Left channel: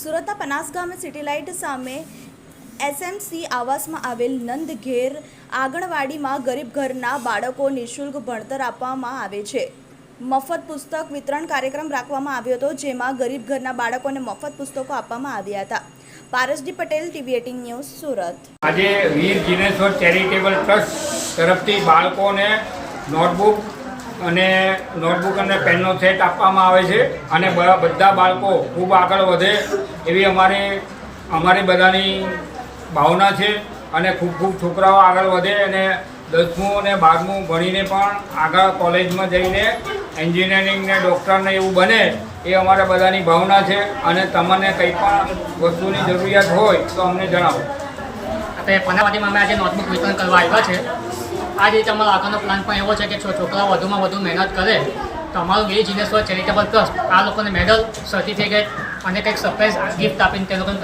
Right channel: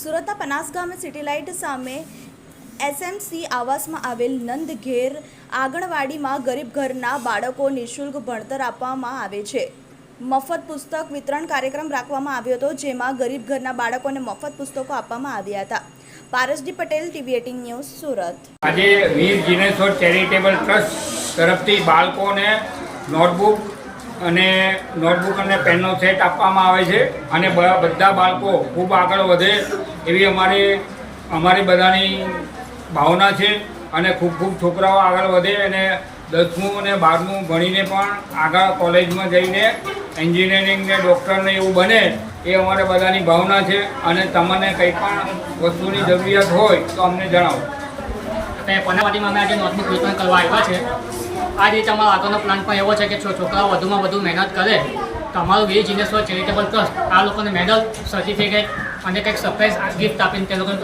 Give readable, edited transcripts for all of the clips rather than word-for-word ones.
સુરતના પનાસ ગામે city light સામે એસએમસી આવાસમાં આવેલ નંદ ઘેર આંગણવાડીમાં ગરીબ ઘરના બાળકો નિઃશુલ્ક ભણતર આપવામાં આવે છે. મફત પુસ્તક વિતરણ કાર્યક્રમ રાખવામાં આવ્યો હતો, જેમાં ગરીબ ઘરના બાળકોને મફત પુસ્તકો આપવામાં આવ્યા હતા. પારસજી પટેલ, TV18 ન્યૂઝ, સુરત. આજે વીર જીનેશ્વર ચેરિટેબલ ટ્રસ્ટ તરફથી બાળકોને નોટબુક અને પેનનો સેટ આપવામાં આવે છે અને બધા બાળકો ખૂબ આગળ વધે એવી અમારી બધાની ભાવના છે અને ખૂબ છોકરાઓ આગળ વધે અને 10મું અને 12મું ભણીને પણ આગળ કોલેજમાં જઈને એન્જિનિયરિંગ ને ડૉક્ટર ને એવું બને એ અમારા બધાની ભાવના છે. અને તમને કંઈ પણ વસ્તુની જરૂરિયાત હોય તો અમને જણાવો. આપણે પનાવાડીમાં અમે આજે નોટબુક વિતરણ કરવા આવ્યા છે. આ રીતે અમારો આગળનો પ્લાન પણ એવો છે કે છોકરાઓ વધુમાં વધુ મહેનત કરે તો અમારું વીર જીનેશ્વર ચેરિટેબલ ટ્રસ્ટ આ લોકોને મેડલ, સર્ટિફિકેટ અને કંઈક સરપ્રાઈઝ ગિફ્ટ આપીને તે લોકોને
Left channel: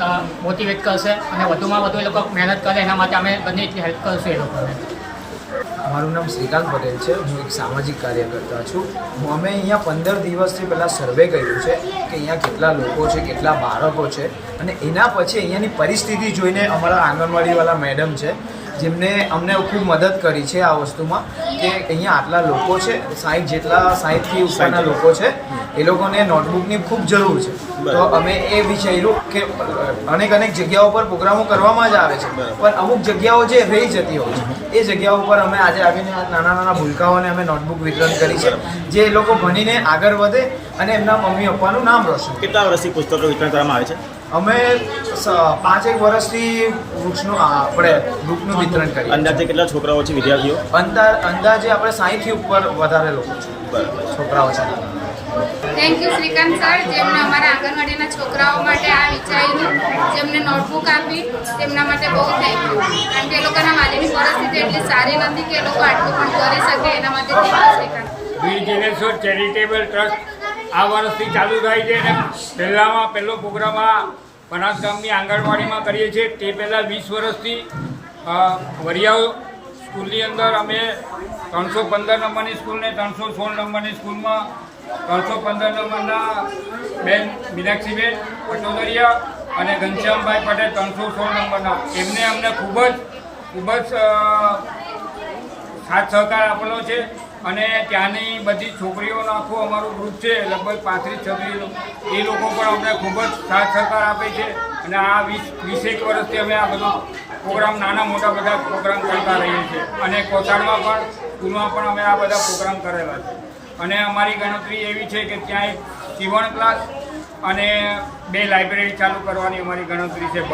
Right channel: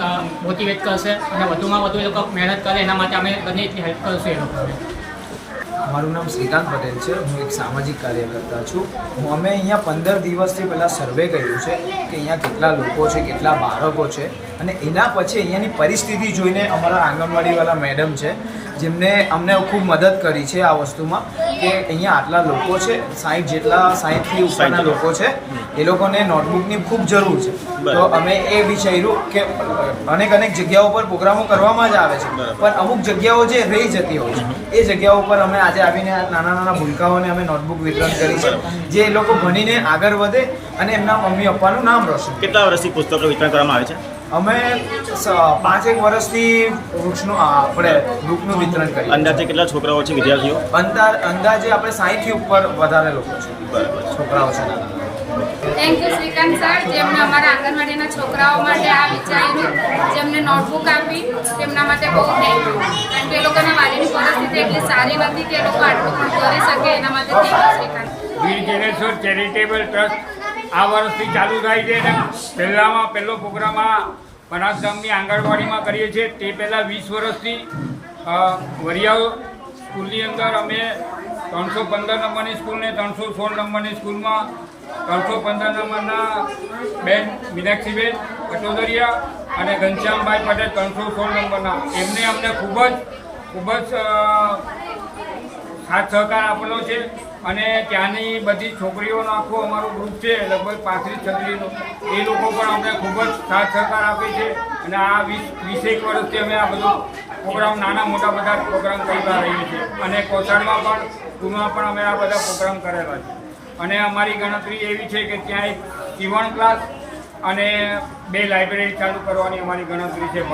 મોટિવેટ કરશે અને વધુમાં વધુ એ લોકો મહેનત કરે એના માટે અમે બધી એટલી હેલ્પ કરશું એ લોકોને. મારું નામ શ્રીકાંત પટેલ છે. હું એક સામાજિક કાર્યકર્તા છું. અમે અહીંયા 15 દિવસથી પહેલાં સર્વે કર્યું છે કે અહીંયા કેટલા લોકો છે, કેટલા બાળકો છે, અને એના પછી અહીંયાની પરિસ્થિતિ જોઈને અમારા આંગણવાડીવાળા મેડમ છે જેમને અમને ખૂબ મદદ કરી છે આ વસ્તુમાં કે અહીંયા આટલા લોકો છે, 60થી ઉપરના લોકો છે, એ લોકોને નોટબુકની ખૂબ જરૂર છે. તો અમે એ વિચાર્યું કે અનેક જગ્યાઓ પર પ્રોગ્રામો કરવામાં જ આવે છે, પણ અમુક જગ્યાઓ જે રહી જતી હોય છે એ જગ્યાઓ પર અમે આજે આવીને નાના ભૂલકાઓને અમે નોટબુક વિતરણ કરી છે, જે એ લોકો ભણીને આગળ વધે અને એમના મમ્મી પપ્પાનું નામ રોશન. કેટલા વર્ષથી પુસ્તકો વિતરણ કરવામાં આવે છે? અમે 5 વર્ષથી બુકનું વિતરણ કરીએ. અંદાજે કેટલા છોકરાઓ છે, વિદ્યાર્થીઓ? અંદાજે આપણે 60થી ઉપર વધારે લોકો છે. બરાબર, છોકરાઓ છે નાના. થેન્ક યુ શ્રીકાંત સર, જેમને અમારા આંગણવાડીના છોકરાઓ માટે આ વિચાર્યું, જેમને નોટબુક આપી તેમના માટે બહુ થેન્ક યુ. કારણ કે એ લોકોના વાલીની પરિસ્થિતિ એટલી સારી નથી કે એ લોકો આટલું પણ કરી શકે, એના માટે thank you Shrikant. Veer Jineshwar charitable trust આ વર્ષથી ચાલુ થાય છે અને પહેલો પ્રોગ્રામ આ પનાસ ગામની આંગણવાડીમાં કરીએ છીએ. તે પહેલાં 20 વર્ષથી વરિયાવ સ્કૂલની અંદર અમે 315 નંબરની સ્કૂલને 316 નંબરની સ્કૂલમાં 315 નંબરના બેન મીનાક્ષીબેન અટોદરિયા અને ઘનશ્યામભાઈ પટેલ 316 નંબરના એમને અમને ખૂબ જ સાથ સહકાર આપેલો છે. અને ત્યાંની બધી છોકરીઓનું આખું અમારું ગ્રુપ છે, લગભગ 35-36નું, એ લોકો પણ અમને ખૂબ જ સાથ સહકાર આપે છે. અને આ 20 વર્ષથી અમે આ બધો પ્રોગ્રામ, નાના મોટા બધા પ્રોગ્રામ કરતા રહીએ છીએ. અને કોસાડમાં પણ, સ્કૂલમાં પણ અમે આ બધા પ્રોગ્રામ કરેલા છે. અને અમારી ગણતરી એવી છે કે ત્યાં એક સીવણ ક્લાસ અને 2 લાઇબ્રેરી ચાલુ કરવાની અમારી ગણતરી છે.